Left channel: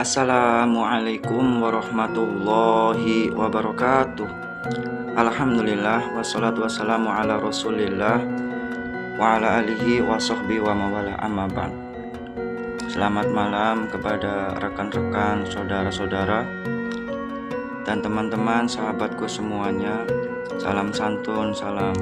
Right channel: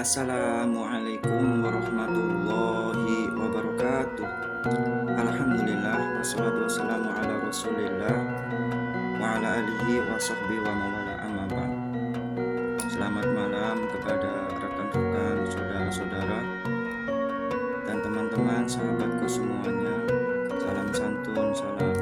Assalamualaikum warahmatullahi wabarakatuh. Alhamdulillah wassalatu wassalamu ala Rasulillah wa ala alihi wa sahbihi wa mawala amma ba'd. Selamat malam kepada rekan-rekan, saudara-saudara dan teman-teman sahabatku semuanya. Salam santun, salam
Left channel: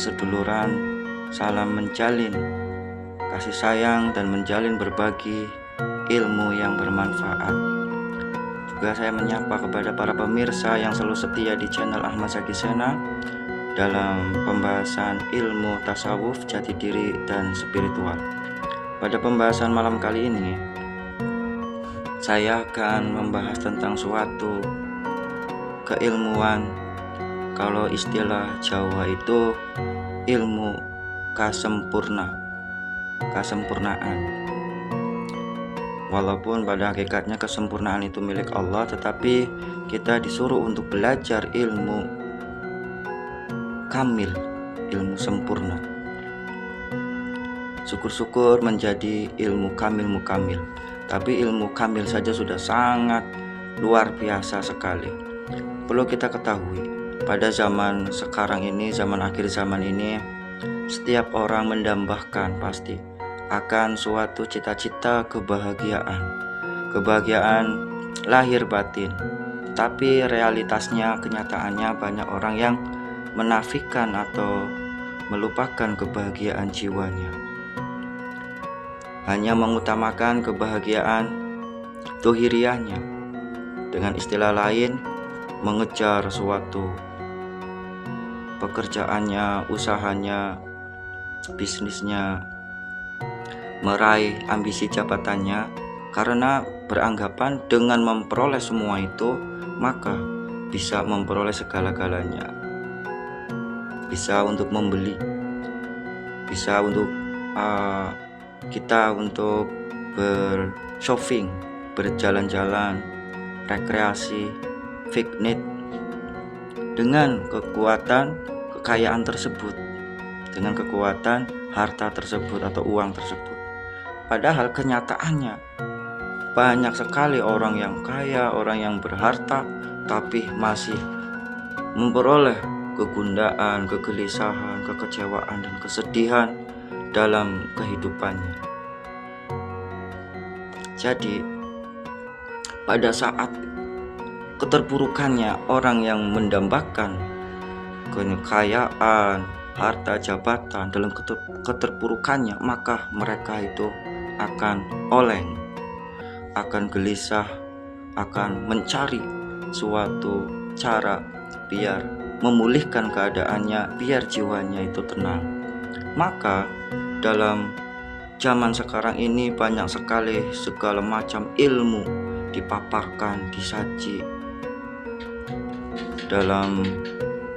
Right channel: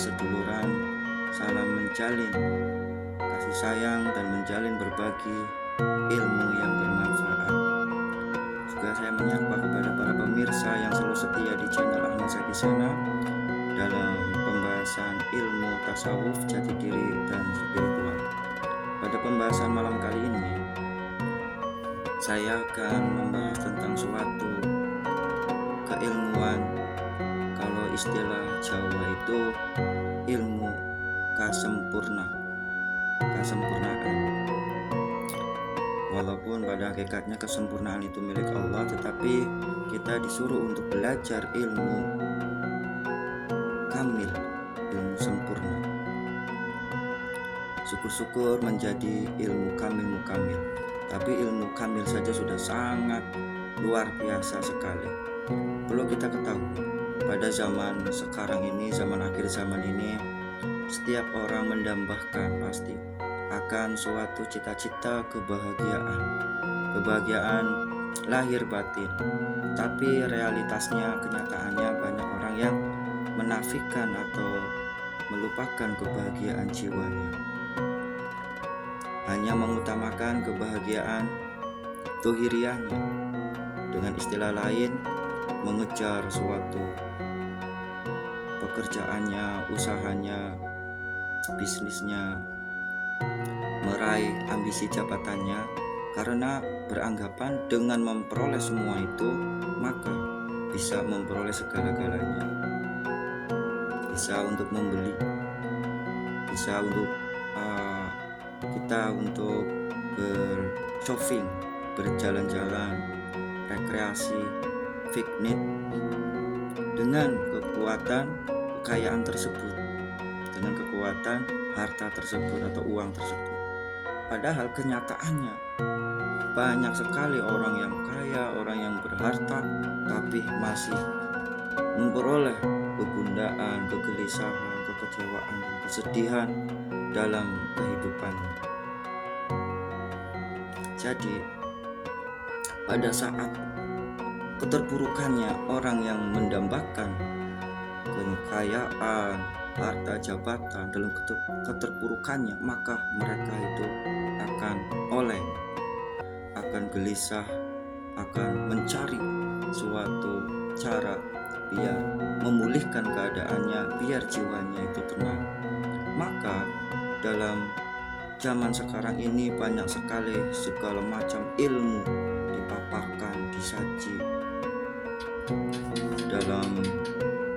seduluran, salam menjalin kasih sayang dan menjalin berbagi ilmu yang bermanfaat. Juga saya menyapa kepada para pemirsa yang selalu setia di channel Ahmad Sagisena dalam pembahasan ilmu tasawuf, jati diri dan spiritual. Pada pembahasan malam kali ini, saya akan membahas tentang suatu keilmuan. Kalau istilah Jawa itu ilmu kesempurnaan. Walaupun pada hakikatnya kesempurnaan itu milik Allah, tetapi kita disuruh untuk belajar ilmu kamil, ilmu sempurna. Syukur-syukur menjadi ilmu kamil mukamil. Tapi ilmu kamil saja sudah sangat luar biasa sekali. Perlu kita ketahui, pada zaman sekarang ini, zaman akhir zaman ini, setiap orang mendambakan pasti akan suatu cita-cita kebahagiaan lahir batin. Tapi realitasnya, kenyataannya banyak orang yang menafikan atau melupakan kebahagiaan jiwanya, hanya mengutamakan kebahagiaan dohiriyahnya. Dengan istilah lain, mengejar suatu pekerjaannya, usahanya, bisnisnya, meraih ambisi jabatannya, karena beranggapan dengan memperoleh semua itu maka bisa memperoleh segala-galanya. Bisa untuk membeli, bisa untuk kita untuk bershopping, berjalan-jalan, rekreasi, piknik. Dengan kekuatan kekayaan tersebut, dengan kekuatan harta tersebut atau uang tersebut. Padahal kenyataannya banyak sekali orang yang kaya, orang yang berharta, tapi masih memperoleh kegundaan, kegelisahan, kekecewaan, dan kesedihan dalam kehidupannya. Jadi pada saat keterpurukannya orang yang mendambakan kekayaan, harta, jabatan, dalam keterpurukannya, maka mereka itu akan oleng, akan gelisah, akan mencari suatu cara biar memulihkan keadaannya, biar jiwanya itu tenang. Maka dalam zaman sekarang ini banyak sekali segala macam ilmu dipaparkan, disaji dalam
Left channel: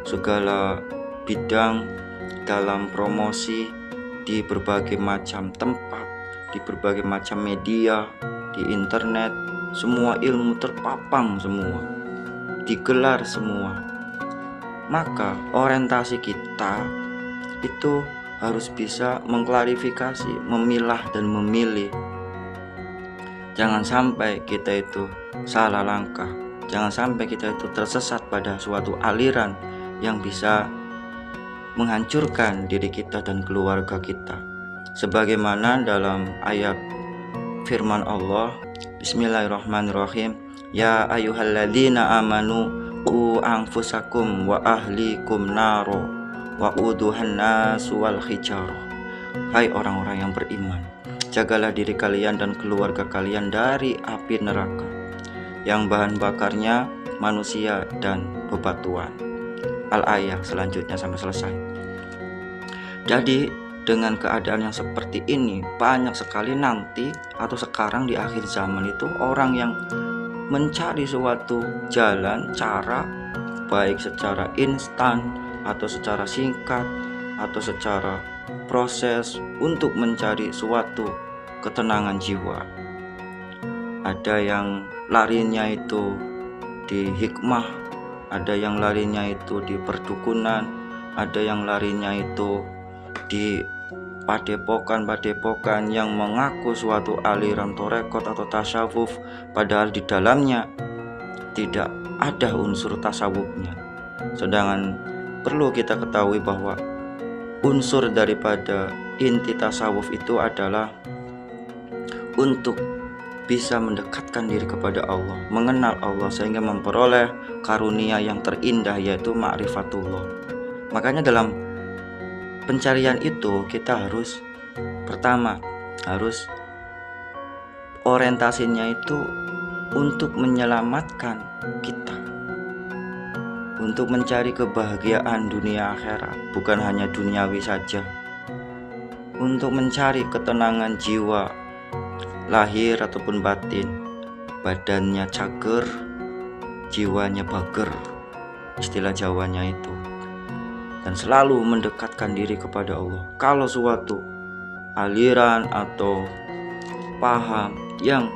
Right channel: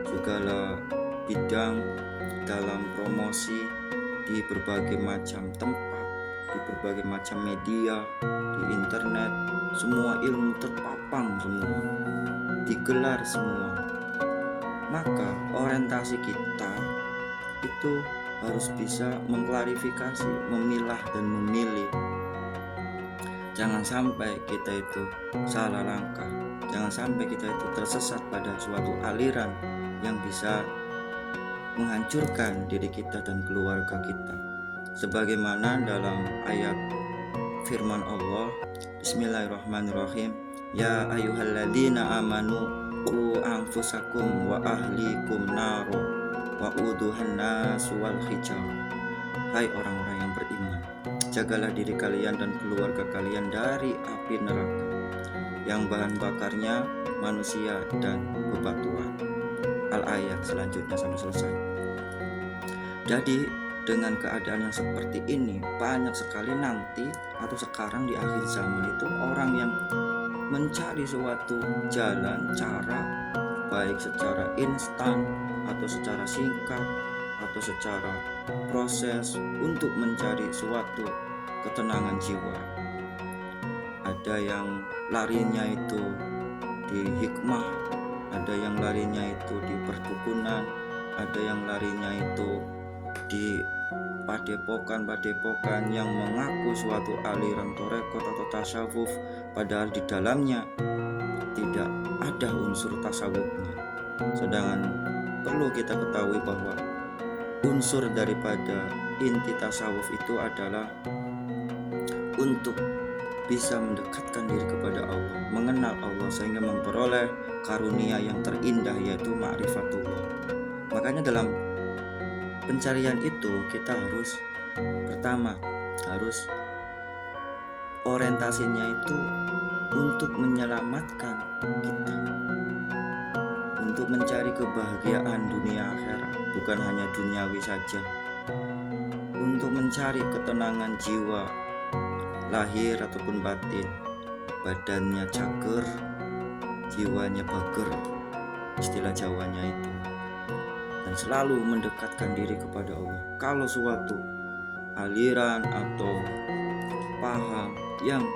segala bidang, dalam promosi di berbagai macam tempat, di berbagai macam media, di internet. Semua ilmu terpapang, semua digelar semua. Maka orientasi kita itu harus bisa mengklarifikasi, memilah dan memilih. Jangan sampai kita itu salah langkah, jangan sampai kita itu tersesat pada suatu aliran yang bisa menghancurkan diri kita dan keluarga kita. Sebagaimana dalam ayat firman Allah, Bismillahirrahmanirrahim, Ya ayyuhalladzina amanu qu anfusakum wa ahlikum naro wa uduhan nasu wal hijarah. Hai orang-orang yang beriman, jagalah diri kalian dan keluarga kalian dari api neraka yang bahan bakarnya manusia dan bebatuan. Al-ayah selanjutnya sampai selesai. Jadi dengan keadaan yang seperti ini, banyak sekali nanti atau sekarang di akhir zaman itu orang yang mencari suatu jalan, cara, baik secara instan atau secara singkat atau secara proses untuk mencari suatu ketenangan jiwa. Ada yang larinya itu di hikmah, ada yang larinya itu di perdukunan, ada yang larinya itu di padepokan yang mengaku suatu aliran torekot atau tasawuf, padahal di dalamnya tidak ada unsur tasawufnya. Sedangkan perlu kita ketahui bahwa unsur daripada inti tasawuf itu adalah untuk bisa mendekatkan diri kepada Allah, mengenal Allah sehingga memperoleh karunia yang terindah, yaitu ma'rifatullah. Makanya dalam pencarian itu kita harus orientasinya itu untuk menyelamatkan kita, untuk mencari kebahagiaan dunia akhirat, bukan hanya duniawi saja, untuk mencari ketenangan jiwa lahir ataupun batin, badannya cager, jiwanya bager, istilah Jawanya itu, dan selalu mendekatkan diri kepada Allah. Kalau suatu aliran atau paham yang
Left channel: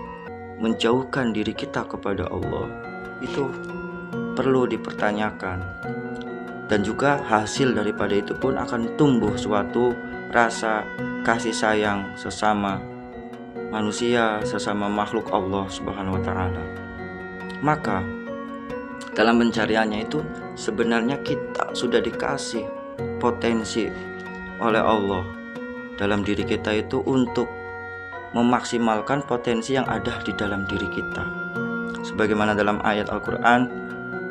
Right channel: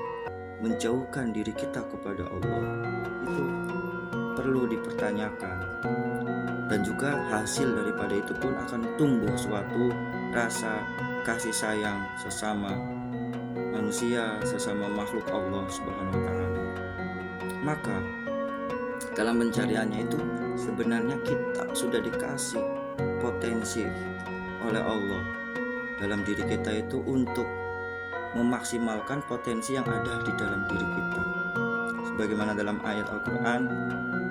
menjauhkan diri kita kepada Allah, itu perlu dipertanyakan, dan juga hasil daripada itu pun akan tumbuh suatu rasa kasih sayang sesama manusia, sesama makhluk Allah Subhanahu wa Ta'ala. Maka dalam pencariannya itu sebenarnya kita sudah dikasih potensi oleh Allah dalam diri kita itu untuk memaksimalkan potensi yang ada di dalam diri kita, sebagaimana dalam ayat Al-Quran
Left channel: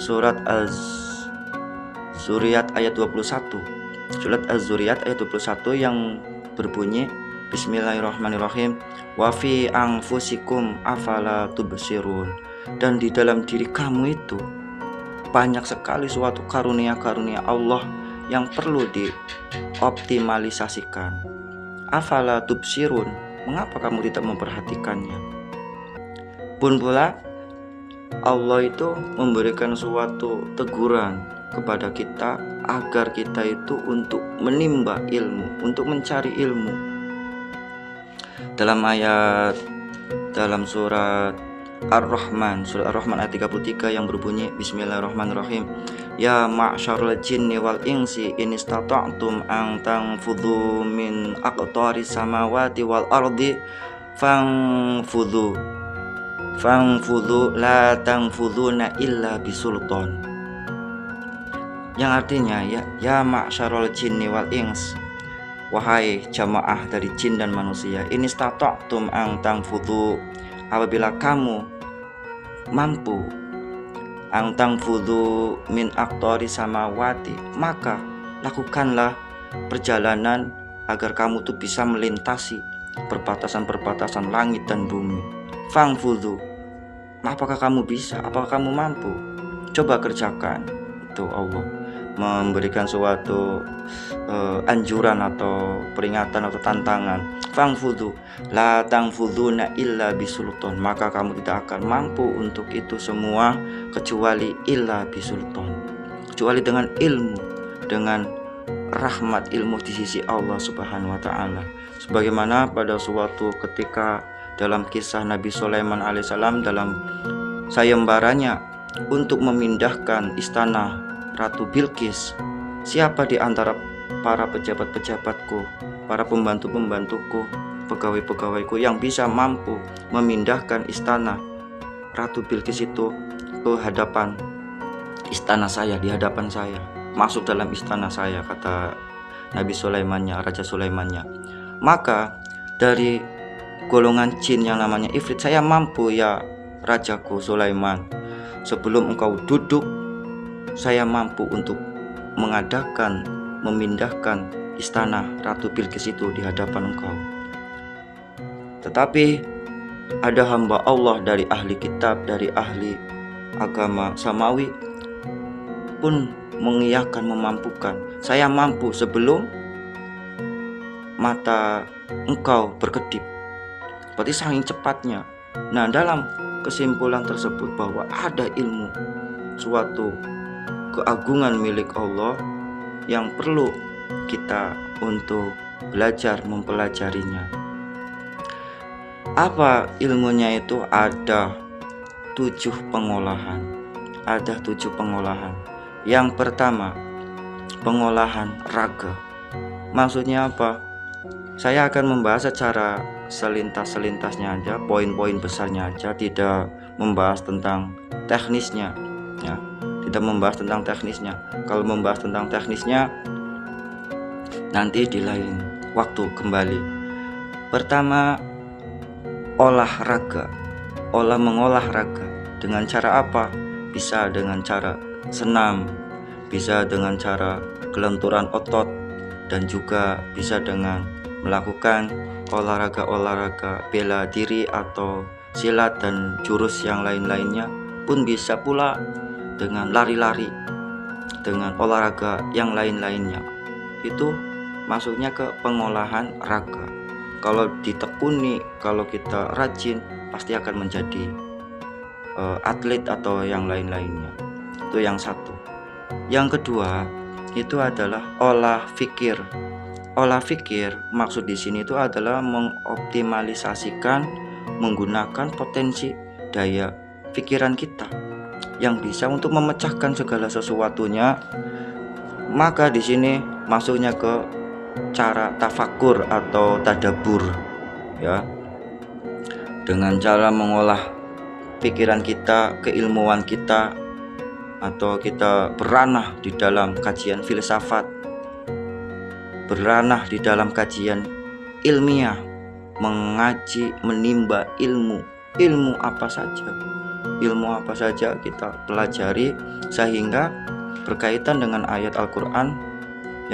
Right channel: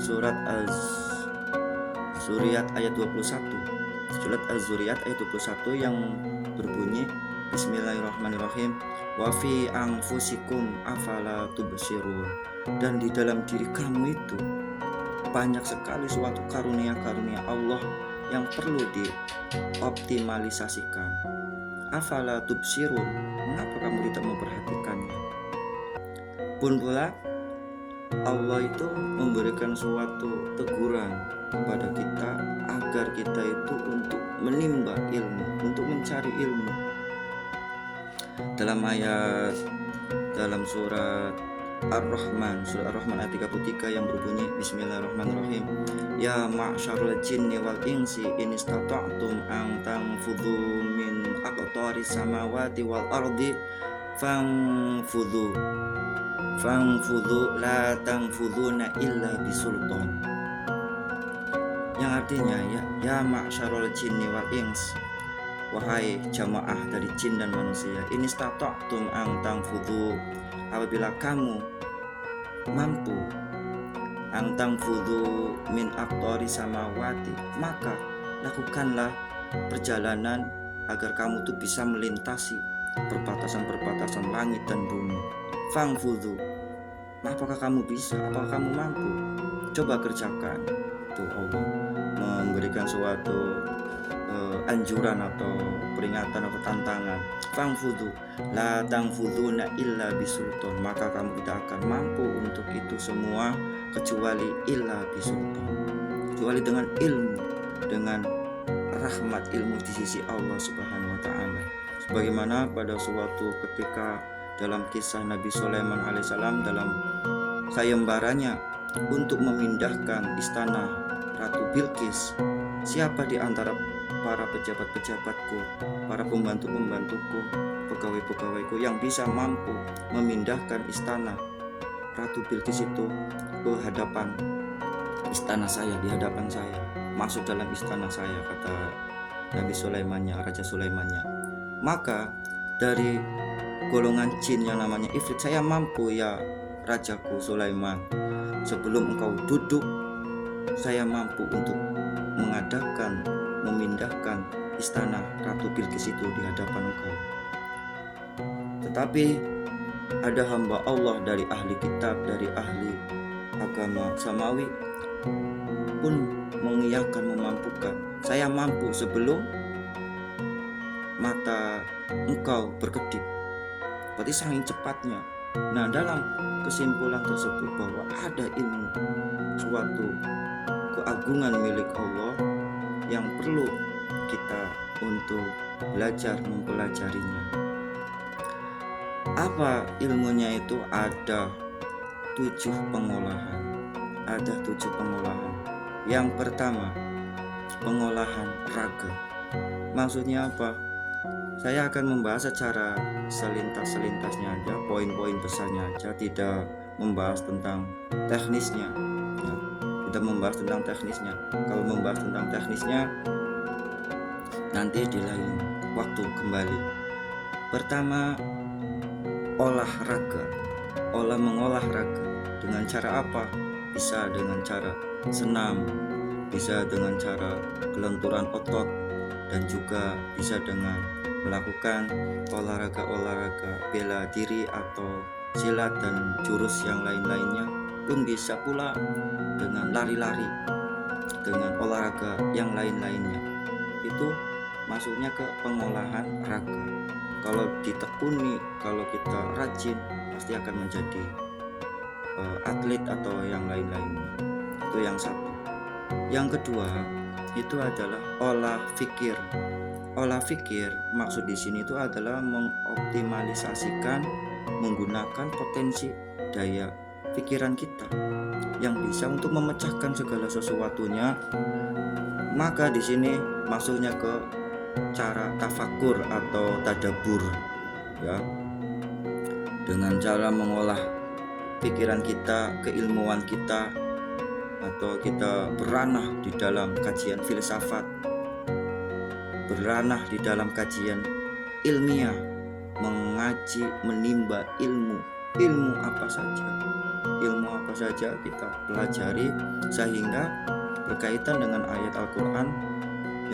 surat Az-Zuriyat ayat 21, surat Az-Zuriyat ayat 21 yang berbunyi, Bismillahirrahmanirrahim, wa fi anfusikum afala tubsirun. Dan di dalam diri kamu itu banyak sekali suatu karunia-karunia Allah yang perlu dioptimalisasikan. Afala tubsirun, mengapa kamu tidak memperhatikannya? Pun pula Allah itu memberikan suatu teguran kepada kita agar kita itu untuk menimba ilmu, untuk mencari ilmu. Dalam surat Ar-Rahman, surat Ar-Rahman ayat 33 yang berbunyi, Bismillahirrahmanirrahim, ya ma'syarul jinni wal insi in istata'tum an tanfudhu min aqtaris samawati wal ardi fangfudhu la tanfudhuna illa bisultan. Yang artinya ya ma'syarul jinni wal ins, wahai jamaah dari jin dan manusia, ini istata'tum an tanfudhu, apabila kamu mampu, an tanfudhu min aqtaris samawati, maka lakukanlah perjalanan agar kamu tuh bisa melintasi perbatasan-perbatasan langit dan bumi. Fangfudhu, apakah kamu bisa? Apakah kamu mampu? Coba kerjakan. Itu Allah memberikan suatu anjuran atau peringatan atau tantangan. Fangfudhu la tanfudhuna illa bisultan, maka kamu tidak akan mampu untuk itu semua kecuali illa bisultan, kecuali dengan ilmu, dengan rahmat ilmu di sisi Allah Subhanahu wa Ta'ala. Sebagaimana pada suatu ketika dalam kisah Nabi Sulaiman alaihissalam dalam sayembaranya untuk memindahkan istana Ratu Bilqis, siapa di antara para pejabat-pejabatku, para pembantu-pembantuku, pegawai-pegawaiku yang bisa mampu memindahkan istana Ratu Bilqis itu ke hadapan istana saya, di hadapan saya, masuk dalam istana saya, kata Nabi Sulaimannya, Raja Sulaimannya. Maka dari golongan jin yang namanya Ifrit, saya mampu ya Rajaku Sulaiman, sebelum engkau duduk saya mampu untuk mengadakan, memindahkan istana Ratu Bilqis itu di hadapan engkau. Tetapi ada hamba Allah dari ahli kitab, dari ahli agama samawi pun mengiyakan, memampukan. Saya mampu sebelum mata engkau berkedip. Berarti saking cepatnya. Nah, dalam kesimpulan tersebut bahwa ada ilmu, suatu keagungan milik Allah yang perlu kita untuk belajar mempelajarinya. Apa ilmunya itu? Ada 7 pengolahan. Ada 7 pengolahan. Yang pertama, pengolahan raga. Maksudnya apa? Saya akan membahas secara selintasnya aja, poin-poin besarnya aja, tidak membahas tentang teknisnya ya. Tidak membahas tentang teknisnya. Kalau membahas tentang teknisnya nanti di lain waktu kembali. Pertama, olahraga. Mengolah raga. Dengan cara apa? Bisa dengan cara senam, bisa dengan cara kelenturan otot, dan juga bisa dengan melakukan olahraga bela diri atau silat dan jurus yang lain-lainnya, pun bisa pula dengan lari-lari, dengan olahraga yang lain-lainnya. Itu masuknya ke pengolahan raga. Kalau ditekuni, kalau kita rajin, pasti akan menjadi atlet atau yang lain-lainnya. Itu yang satu. Yang kedua, itu adalah olah fikir. Olah fikir maksud di sini itu adalah mengoptimalisasikan, menggunakan potensi daya pikiran kita yang bisa untuk memecahkan segala sesuatunya. Maka di sini masuknya ke cara tafakur atau tadabur ya. Dengan cara mengolah pikiran kita, keilmuan kita, atau kita beranah di dalam kajian filsafat, beranah di dalam kajian ilmiah, mengaji, menimba ilmu apa saja kita pelajari, sehingga berkaitan dengan ayat Al-Quran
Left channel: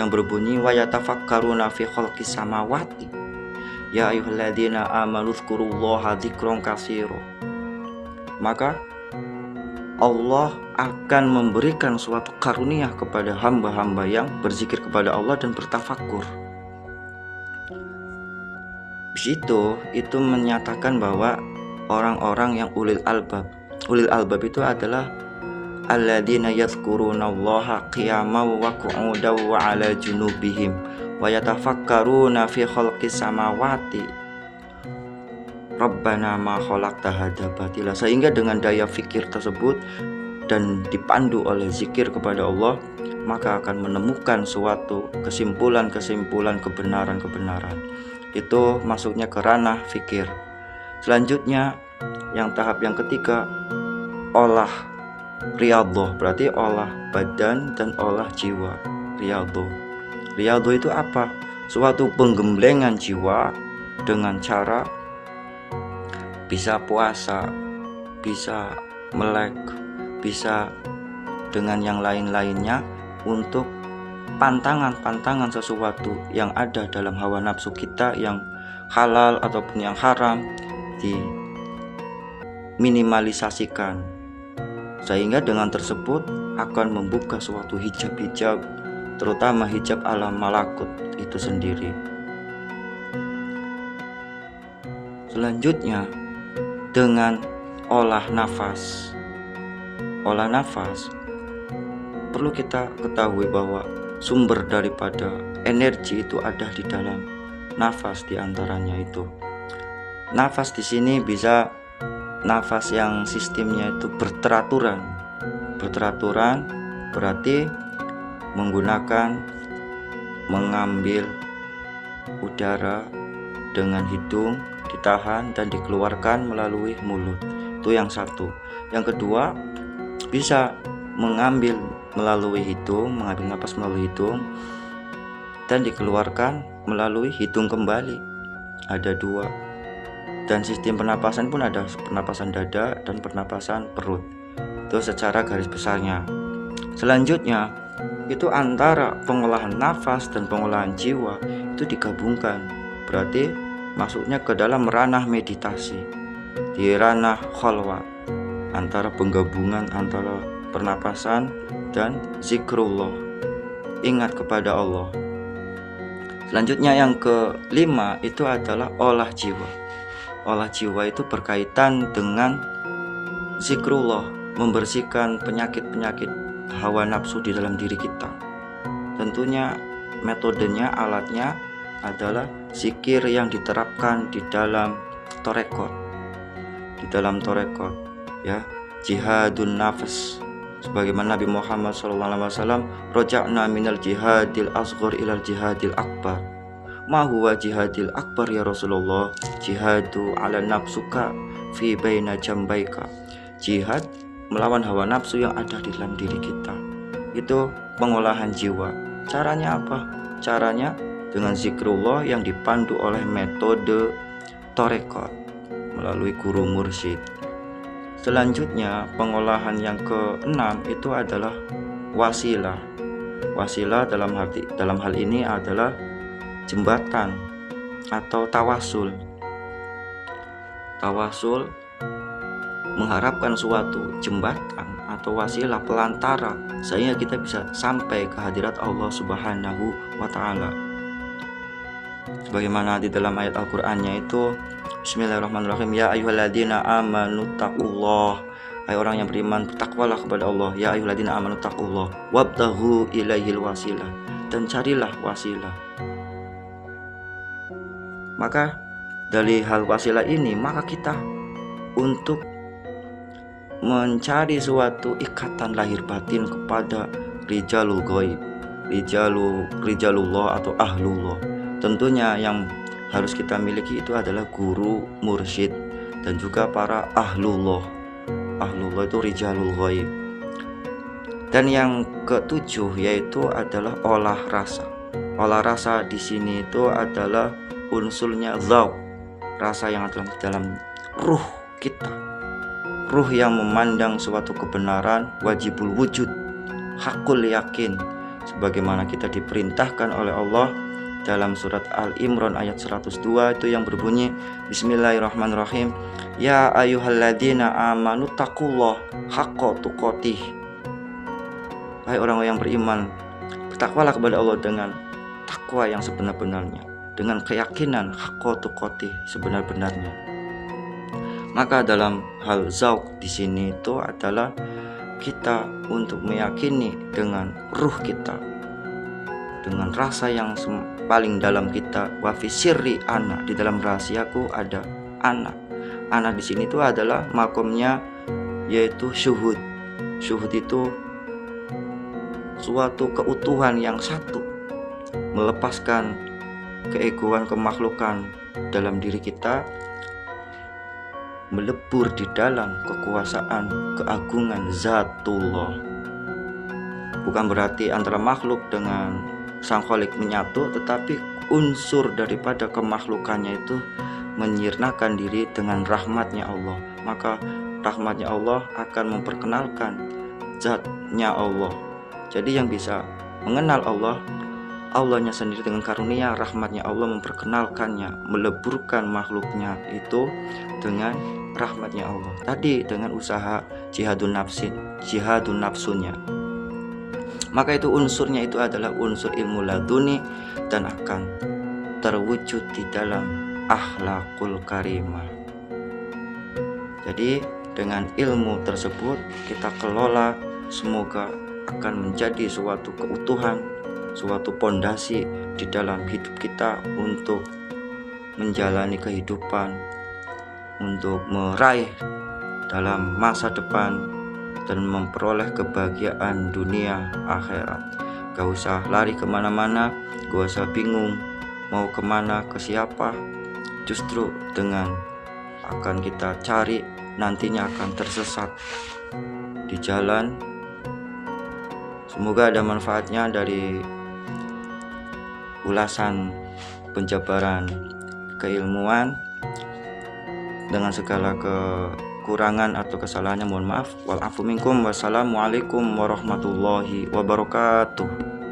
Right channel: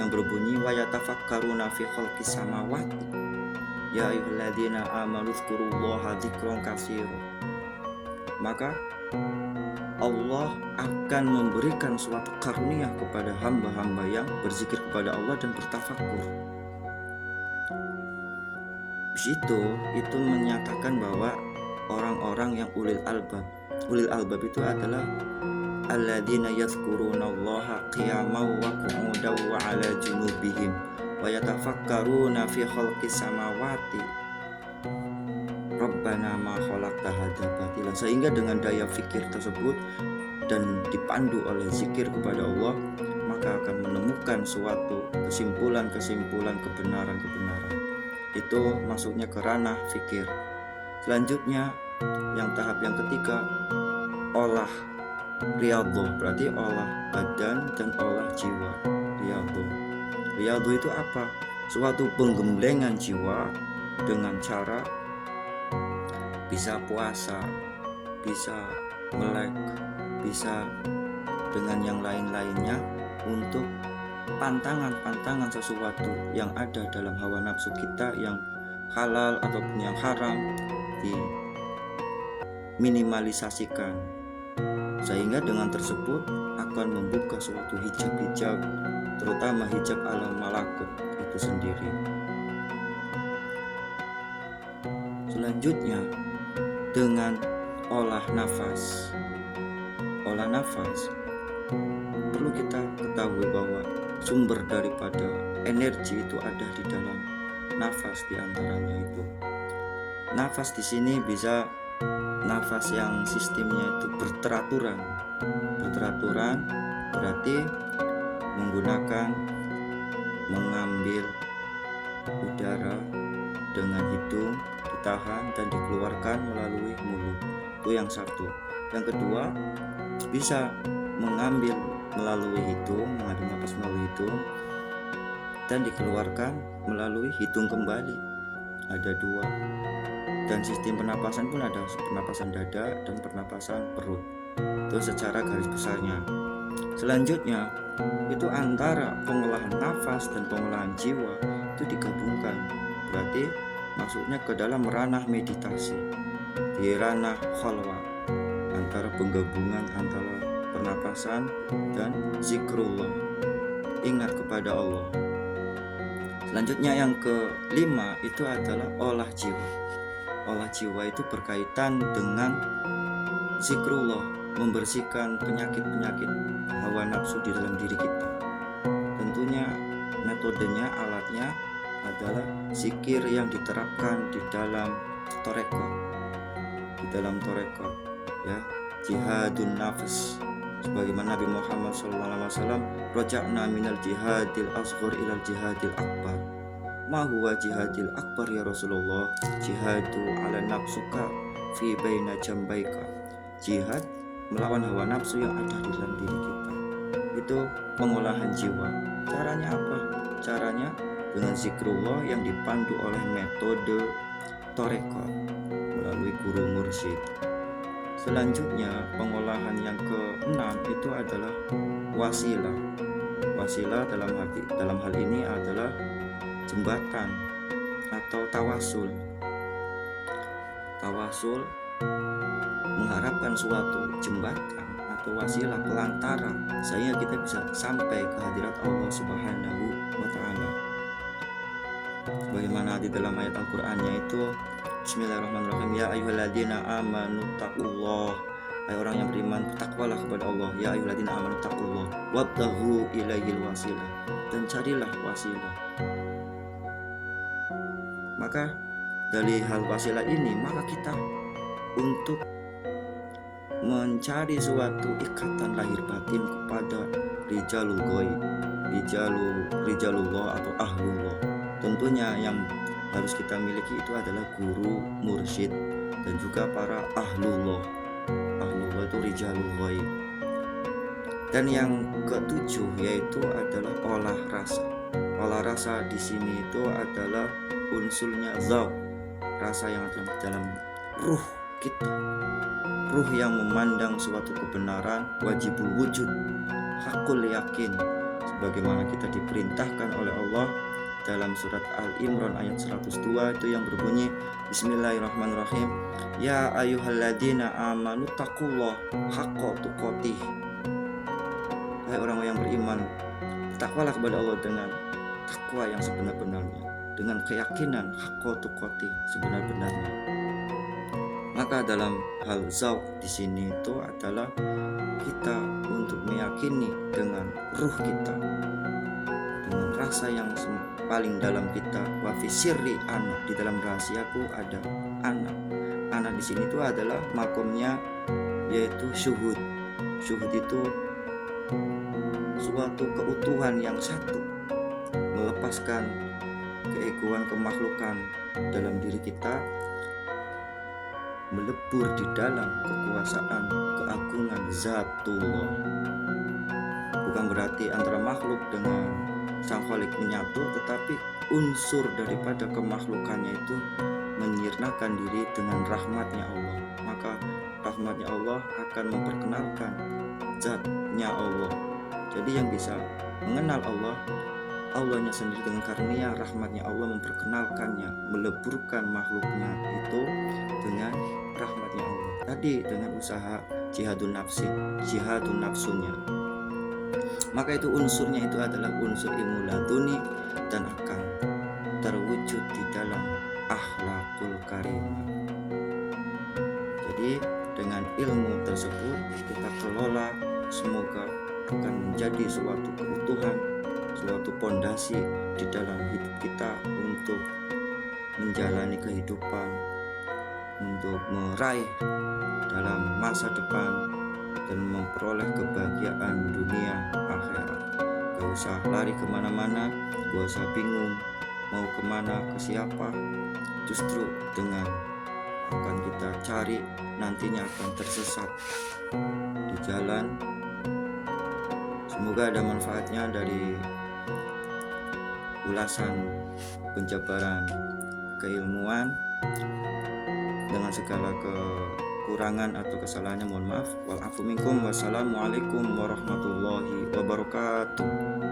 yang berbunyi wa yatafakkaruna fi khalqis samawati ya ayyuhalladzina amanu dzkurullaha dzikron katsira. Maka Allah akan memberikan suatu karunia kepada hamba-hamba yang berzikir kepada Allah dan bertafakur. Di situ itu menyatakan bahwa orang-orang yang ulil albab itu adalah alladzina yadhkurunallaha qiyaman wa qu'udan wa 'ala junubihim wa yatafakkaruna fi khalqis samawati Rabbana ma khalaqta hadza batila. Sehingga dengan daya fikir tersebut dan dipandu oleh zikir kepada Allah, maka akan menemukan suatu kesimpulan-kesimpulan, kebenaran-kebenaran. Itu masuknya ke ranah fikir. Selanjutnya, yang tahap yang ketiga, olah riyadhah, berarti olah badan dan olah jiwa. Riyadhah itu apa? Suatu penggemblengan jiwa dengan cara bisa puasa, bisa melek, bisa dengan yang lain-lainnya untuk pantangan sesuatu yang ada dalam hawa nafsu kita yang halal ataupun yang haram diminimalisasikan, sehingga dengan tersebut akan membuka suatu hijab-hijab, terutama hijab alam malakut itu sendiri. Selanjutnya dengan olah nafas. Olah nafas perlu kita ketahui bahwa sumber daripada energi itu ada di dalam nafas. Di antaranya itu nafas di sini bisa nafas yang sistemnya itu berteraturan berarti menggunakan mengambil udara dengan hidung, ditahan dan dikeluarkan melalui mulut. Itu yang satu. Yang kedua, bisa mengambil melalui hidung, mengambil napas melalui hidung dan dikeluarkan melalui hidung kembali. Ada dua. Dan sistem pernapasan pun ada pernapasan dada dan pernapasan perut. Itu secara garis besarnya. Selanjutnya, itu antara pengolahan nafas dan pengolahan jiwa itu digabungkan. Berarti masuknya ke dalam ranah meditasi, di ranah khalwat, antara penggabungan antara pernapasan dan zikrullah, ingat kepada Allah. Selanjutnya yang kelima itu adalah olah jiwa. Olah jiwa itu berkaitan dengan zikrullah, membersihkan penyakit-penyakit hawa nafsu di dalam diri kita. Tentunya metodenya, alatnya adalah zikir yang diterapkan di dalam torekot. Ya, jihadun nafs. Sebagaimana Nabi Muhammad SAW, roja'na minal jihadil asghar ilal jihadil akbar ma huwa jihadil akbar ya Rasulullah? Jihadu ala nafsuka fi baina jambaika. Jihad melawan hawa nafsu yang ada di dalam diri kita. Itu pengolahan jiwa. Caranya apa? Caranya dengan zikrullah yang dipandu oleh metode Torekot melalui guru mursyid. Selanjutnya pengolahan yang keenam itu adalah wasilah. Wasilah dalam hal ini adalah jembatan atau tawasul. Tawasul mengharapkan suatu jembatan atau wasilah pelantara sehingga kita bisa sampai ke hadirat Allah Subhanahu wa taala. Sebagaimana di dalam ayat Al-Qur'annya itu, Bismillahirrahmanirrahim, ya ayyuhalladzina amanu taqullah. Hai orang yang beriman, bertakwalah kepada Allah. Ya ayyuhalladzina amanu taqullah wabtaghu ilaihil wasilah, dan carilah wasilah. Maka dari hal wasilah ini, maka kita untuk mencari suatu ikatan lahir batin kepada rijalul ghaib, rijalullah atau ahlullah. Tentunya yang harus kita miliki itu adalah guru mursyid dan juga para ahlullah. Ahlullah itu rijalul ghaib. Dan yang ketujuh yaitu adalah olah rasa. Olah rasa di sini itu adalah unsurnya dzauq, rasa yang ada dalam ruh kita. Ruh yang memandang suatu kebenaran, wajibul wujud, hakul yakin, sebagaimana kita diperintahkan oleh Allah dalam surat Al-Imran ayat 102 itu yang berbunyi, Bismillahirrahmanirrahim, ya ayyuhalladzina amanu taqullah haqqa tuqatih. Hai orang yang beriman, bertakwalah kepada Allah dengan takwa yang sebenar-benarnya, dengan keyakinan haqqa tuqatih, sebenar-benarnya. Maka dalam hal zauq di sini itu adalah kita untuk meyakini dengan ruh kita, dengan rasa yang paling dalam kita. Wa fi sirri ana, di dalam rahasiaku ada ana. Ana di sini itu adalah makomnya yaitu syuhud. Syuhud itu suatu keutuhan yang satu, melepaskan keegoan kemakhlukan dalam diri kita, melebur di dalam kekuasaan keagungan zatullah. Bukan berarti antara makhluk dengan sang khalik menyatu, tetapi unsur daripada kemakhlukannya itu menyirnakan diri dengan rahmatnya Allah. Maka rahmatnya Allah akan memperkenalkan zatnya Allah. Jadi yang bisa mengenal Allah, Allahnya sendiri dengan karunia rahmatnya Allah memperkenalkannya, meleburkan makhluknya itu dengan rahmatnya Allah. Tadi dengan usaha jihadun nafsunya. Maka itu unsurnya itu adalah unsur ilmu laduni dan akan terwujud di dalam akhlakul karimah. Jadi dengan ilmu tersebut kita kelola, semoga akan menjadi suatu keutuhan, suatu pondasi di dalam hidup kita untuk menjalani kehidupan, untuk meraih dalam masa depan dan memperoleh kebahagiaan dunia akhirat. Gak usah lari kemana-mana, gak usah bingung mau kemana, ke siapa. Justru dengan akan kita cari, nantinya akan tersesat di jalan. Semoga ada manfaatnya dari ulasan penjabaran keilmuan. Dengan segala kekurangan atau kesalahannya mohon maaf. Wal afu minkum. Wassalamualaikum warahmatullahi wabarakatuh.